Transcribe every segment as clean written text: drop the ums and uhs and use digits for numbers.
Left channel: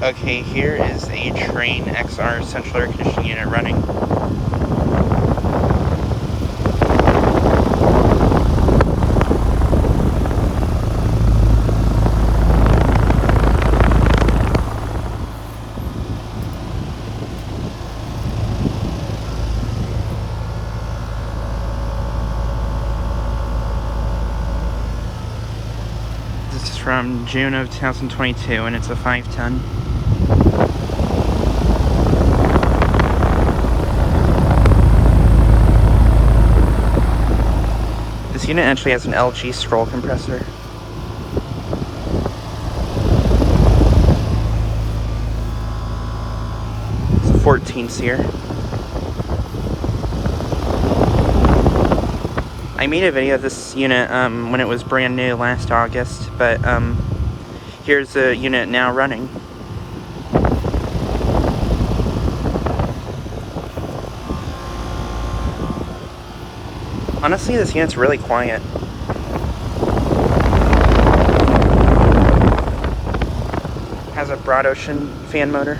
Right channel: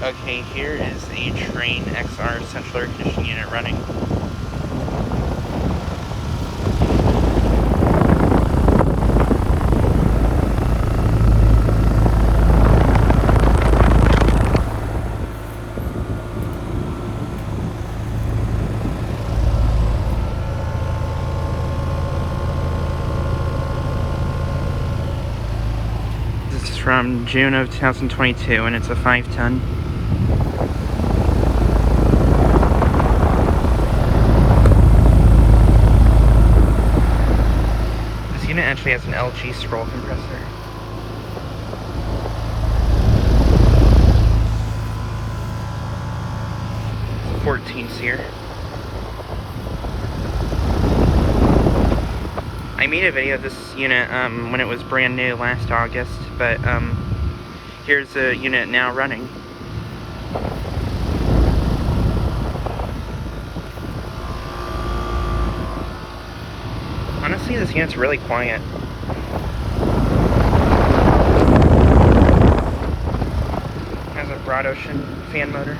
Okay, here is a Trane XR central air conditioning unit running. This is from June of 2022, and it's a 5-ton. This unit actually has an LG scroll compressor. It's a 14 SEER. I made a video of this unit when it was brand new last August, but here's the unit now running. Honestly, this unit's really quiet. Has a broad ocean fan motor.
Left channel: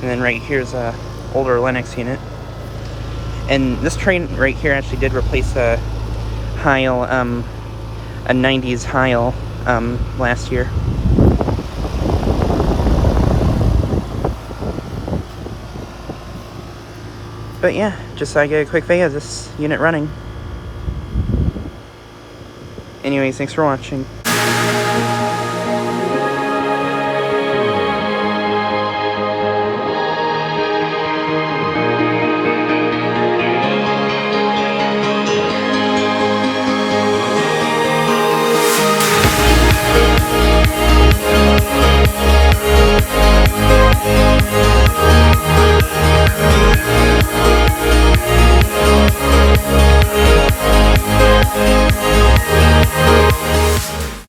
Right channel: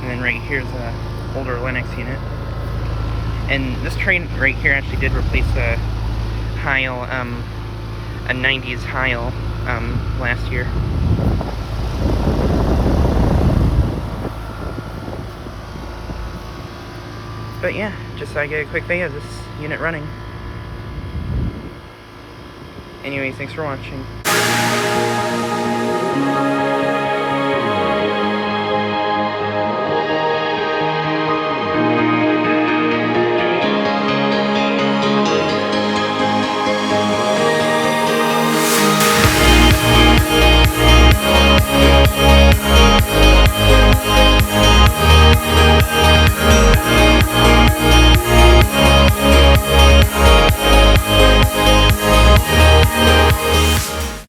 And then right here's a older Linux unit. And this Trane right here actually did replace a Heil, a 90s Heil, last year. But yeah, just so I get a quick video of this unit running. Anyways, thanks for watching.